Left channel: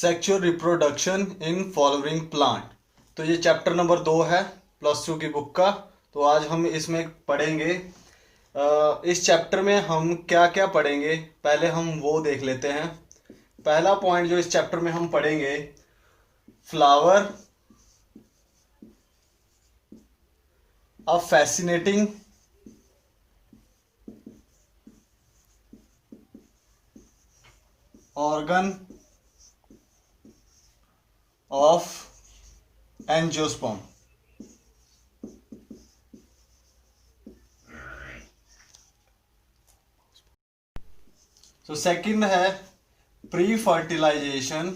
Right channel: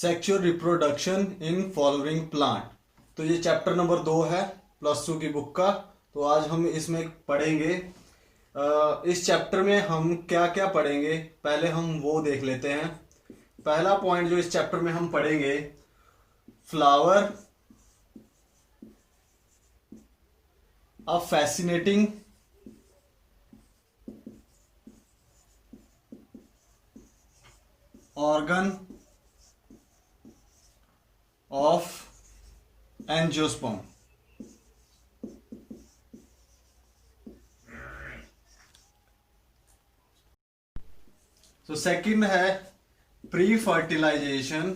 Sexual reproduction in following plant. तो ये chapter number 2 है +2 की बुक का। तो आज हम इसमें पढ़ेंगे। इस चैप्टर में हम क्या क्या पढ़ेंगे, पहले हम वो देख लेते हैं। पहला पॉइंट जो इस चैप्टर में हम पढ़ेंगे, flower a fascinating organ of angiosperm. तो सेकंड है प्री फर्टिलाइजेशन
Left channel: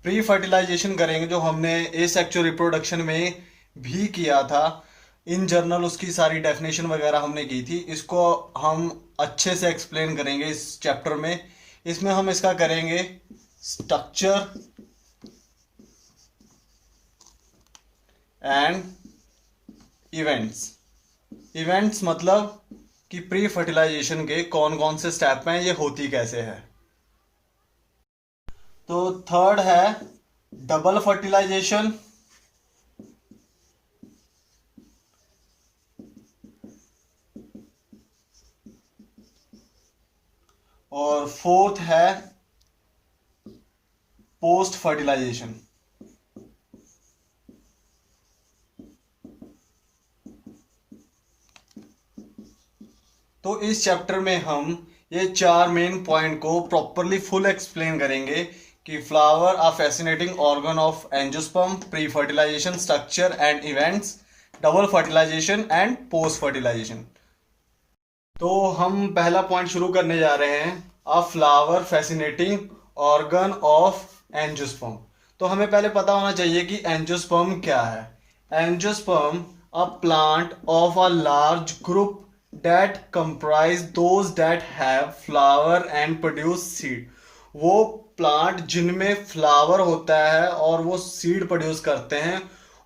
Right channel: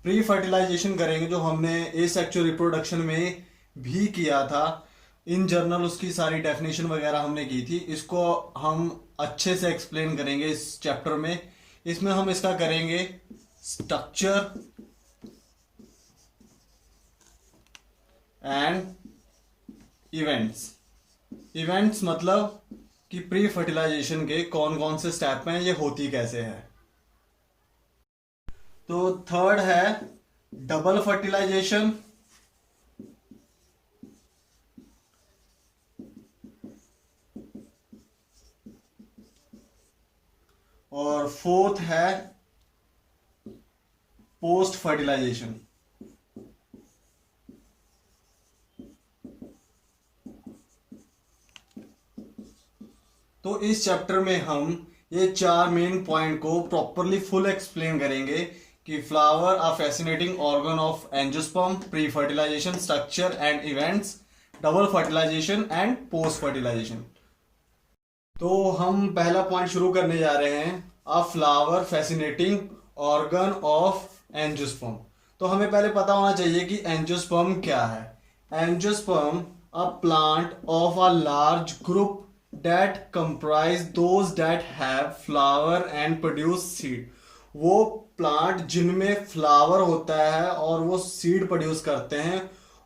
प्री फर्टिलाइजेशन करेंगे, जो हमने एसेक्सुअल रिप्रोडक्शन में भी किया था। इन जनरल उसकी सारी डेफिनेशन वगैरह हमने की थी। इसको हम अच्छे से एक्सप्लेन करेंगे इस चैप्टर में। इसमें हम इसका करेंगे स्ट्रक्चर एंड इवेंट्स। इवेंट्स मतलब कि प्री फर्टिलाइजेशन के कौन कौन से स्टेप हैं, ये होती कैसे है। तो थर्ड है डबल फर्टिलाइजेशन, और फोर्थ है पोस्ट फर्टिलाइजेशन। तो इस चैप्टर में हम ये 4 मेन पॉइंट को प्रॉपरली फुल एक्सप्लेन करेंगे कि flower a fascinating organ of angiosperm, pre fertilisation, structure and events, double fertilisation and post fertilisation. तो हम पहला पॉइंट शुरू करने जा रहे हैं, a flower fascinating organ of angiosperm. तो हमें पहले पता होना चाहिए कि एंजियोस्पर्म क्या है। Angiosperm a plant of a large group that comprise those that have flower and produce seed। वो प्लांट जिनमें फ्लावर होता है और वो सीड प्रोड्यूस करते हैं,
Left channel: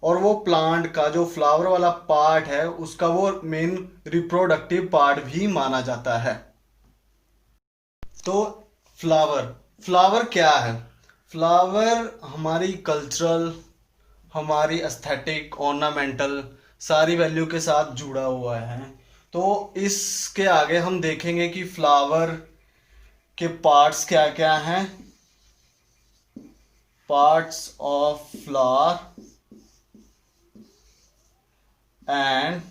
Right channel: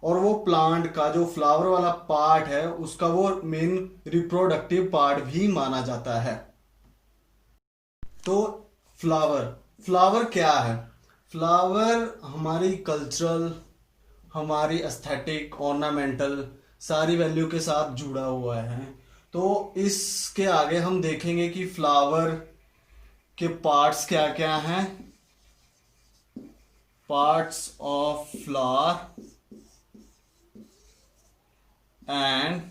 और वो प्लांट का जो फ्लावर वाला पार्ट है उसका वो मेन रिप्रोडक्टिव पार्ट भी माना जाता है। तो फ्लावर फ्लावर क्या है? फ्लावर हमारी कल्चरल, हमारी एस्थेटिक, ऑर्नामेंटल सारी वैल्यू के साथ जुड़ा हुआ है। तो इसके आगे हम देखेंगे कि फ्लावर के पार्ट्स क्या क्या हैं। Parts of flower and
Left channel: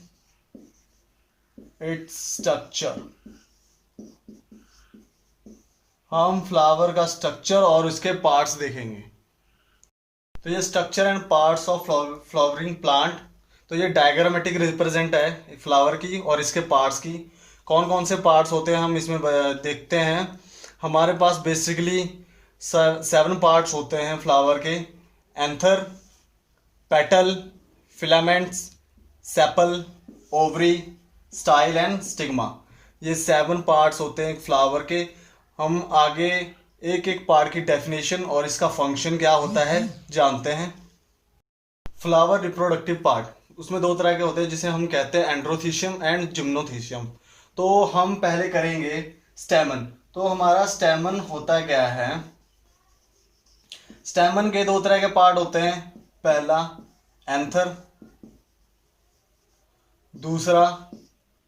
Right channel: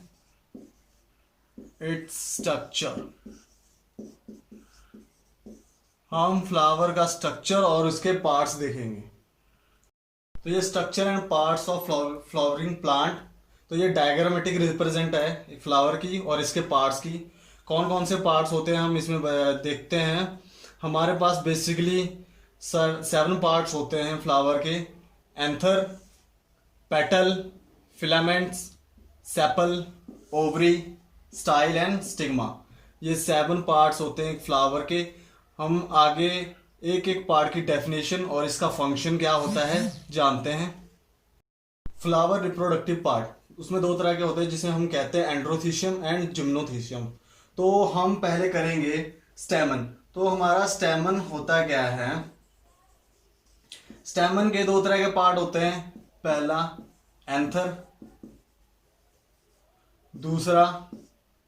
its structure. हम फ्लावर का स्ट्रक्चर और उसके पार्ट्स देखेंगे। तो ये structure and parts of flowering plant, तो ये डायग्रामेटिक रिप्रेजेंट है फ्लावर की और इसके पार्ट्स की। कौन कौन से पार्ट्स होते हैं हम इसमें देखते हैं। हमारे पास बेसिकली 7 पार्ट्स होते हैं फ्लावर के। Anther, petal, filaments, sepal, ovary, style and stigma. ये 7 पार्ट्स होते हैं फ्लावर के। हम आगे एक एक पार्ट की डेफिनेशन और इसका फंक्शन क्या होता है जानते हैं। फ्लावर रिप्रोडक्टिव पार्ट, उसमें 2 तरह के होते हैं जिसे हम कहते हैं एंड्रोथीशियम एंड जिम्नोथीशियम। तो हम पहले करेंगे स्टेमन। तो हमारा स्टेमन होता क्या है? स्टेमन के 2 तरह के पार्ट होते हैं। पहला एंथर, दूसरा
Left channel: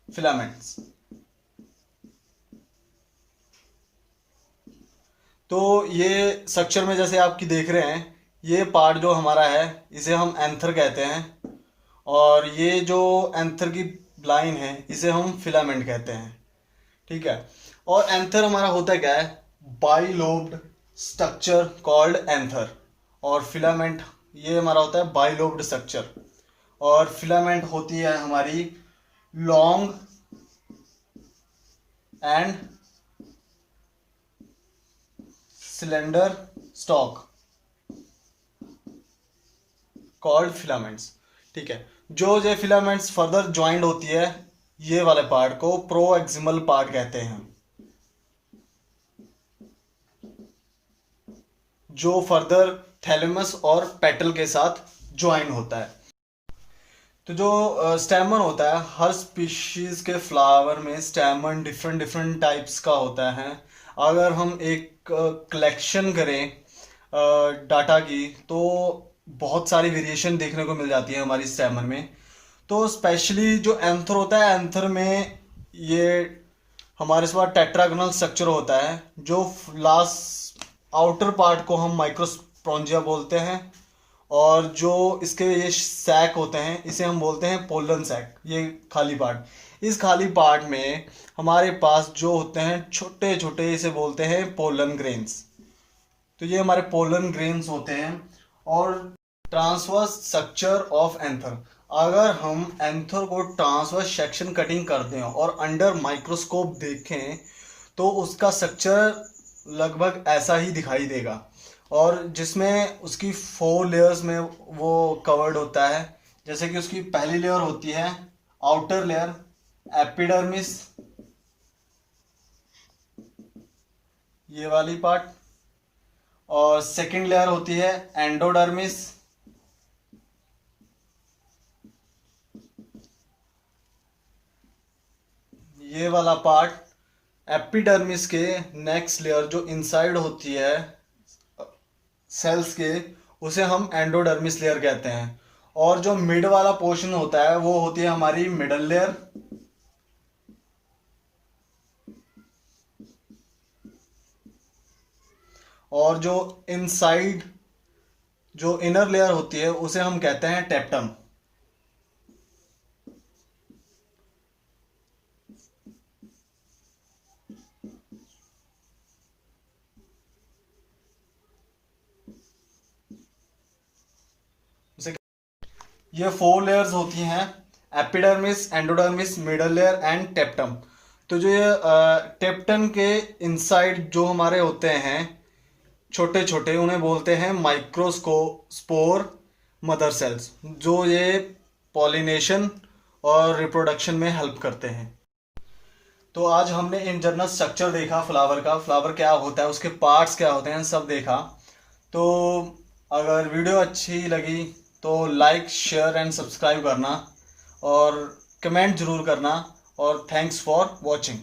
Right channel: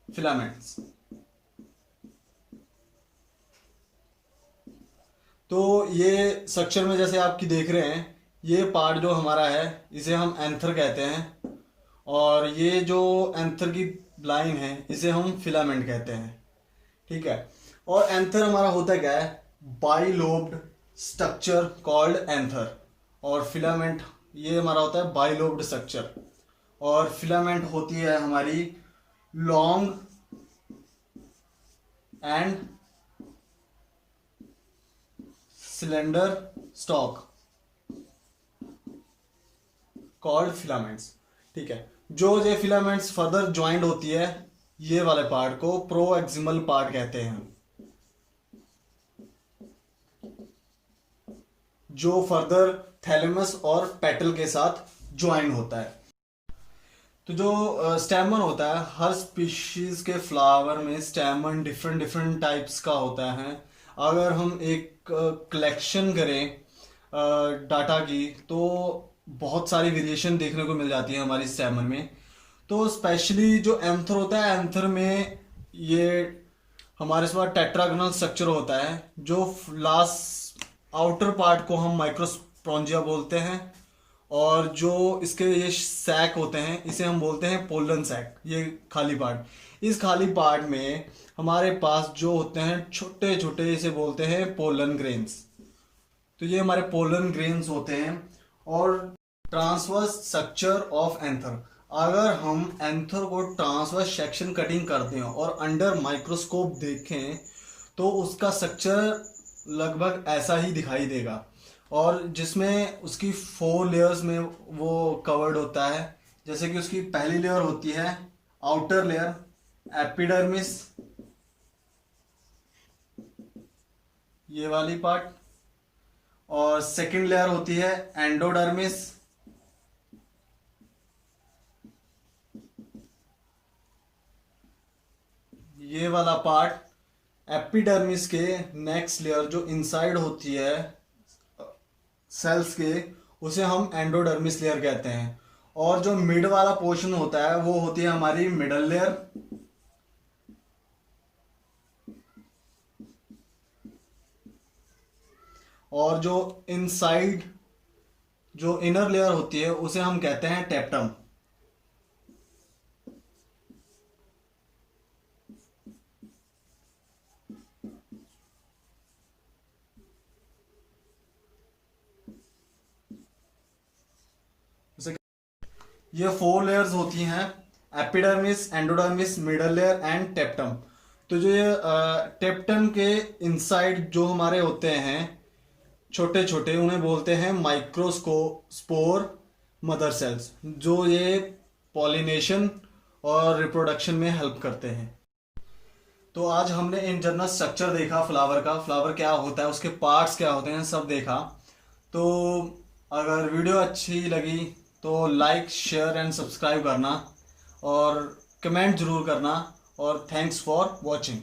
फिलामेंट्स। तो ये स्ट्रक्चर में जैसे आपकी देख रहे हैं, ये पार्ट जो हमारा है इसे हम एंथर कहते हैं, और ये जो एंथर की लाइन है इसे हम फिलामेंट कहते हैं। ठीक है। और एंथर हमारा होता क्या है? Bilobed structure called anther. और फिलामेंट ये हमारा होता है बाइलोब्ड स्ट्रक्चर। और फिलामेंट होती है हमारी long and cylinder stock called filaments. ठीक है। जो ये फिलामेंट्स फर्दर ज्वाइंट होती है, ये वाले पार्ट को प्रोएक्सिमल पार्ट कहते हैं, जो फर्दर थैलेमस और पेटल के साथ ज्वाइन होता है। तो जो स्टेमन होता है, हर स्पीशीज के फ्लावर में स्टेमन डिफरेंट डिफरेंट टाइप्स का होता है। अगर हम एक कलेक्शन करें डाटा की, तो बहुत सारी वेरिएशन देखने को मिल जाती है हमारी स्टेमन में। तो स्पेशली जो एंथर होता है, एंथर में ये हमारे पास टेट्रागोनल स्ट्रक्चर होता है, जो लास्ट आउटर पार्ट को हम माइक्रोस्पोंजिया बोलते हैं, और जो इसके ये सैक होते हैं इसे हम बोलते हैं पोलन सैक। ये खाली पार्ट, इस खाली पार्ट में हमारे पास जो होते हैं छोटे छोटे, इसे बोलते हैं पोलन ग्रेन्स। तो ये हमारे पोलन ग्रेन्स होते हैं। और ट्रांसवर्स स्ट्रक्चर ऑफ एंथर, अगर हम एंथर को ट्रांसवर्स सेक्शन कटिंग करते हैं और अंडर माइक्रोस्कोप देखें, तो उसका स्ट्रक्चर लगभग ऐसा ही दिखाई देगा, और जिसमें उसकी 4 लेयर्स में वो कवर्ड होता है। जैसे कि उसकी पहली लेयर होती है आउटर लेयर, एपिडर्मिस, ये वाली पार्ट, और सेकंड लेयर होती है एंडोडर्मिस, ये वाला पार्ट। एपिडर्मिस के नेक्स्ट लेयर जो इनसाइड होती है सेल्स के, उसे हम एंडोडर्मिस लेयर कहते हैं। और जो मिड वाला पोर्शन होता है वो होती है हमारी मिडल लेयर। और जो इनसाइड जो इनर लेयर होती है उसे हम कहते हैं टेप्टम। ये 4 लेयर्स होती हैं, epidermis, endodermis, middle layer and टेप्टम। तो जो ये टेप्टम के इनसाइड जो हमारे होते हैं छोटे छोटे, उन्हें बोलते हैं माइक्रोस्पोर मदर सेल्स, जो ये पॉलिनेशन और रिप्रोडक्शन में हेल्प करते हैं। तो आज हमने इन जनरल स्ट्रक्चर देखा फ्लावर का, फ्लावर क्या होता है, उसके पार्ट्स क्या होते हैं, सब देखा। तो अगर वीडियो अच्छी लगी तो लाइक, शेयर एंड सब्सक्राइब करना, और कमेंट जरूर करना, और थैंक्स फॉर वॉचिंग।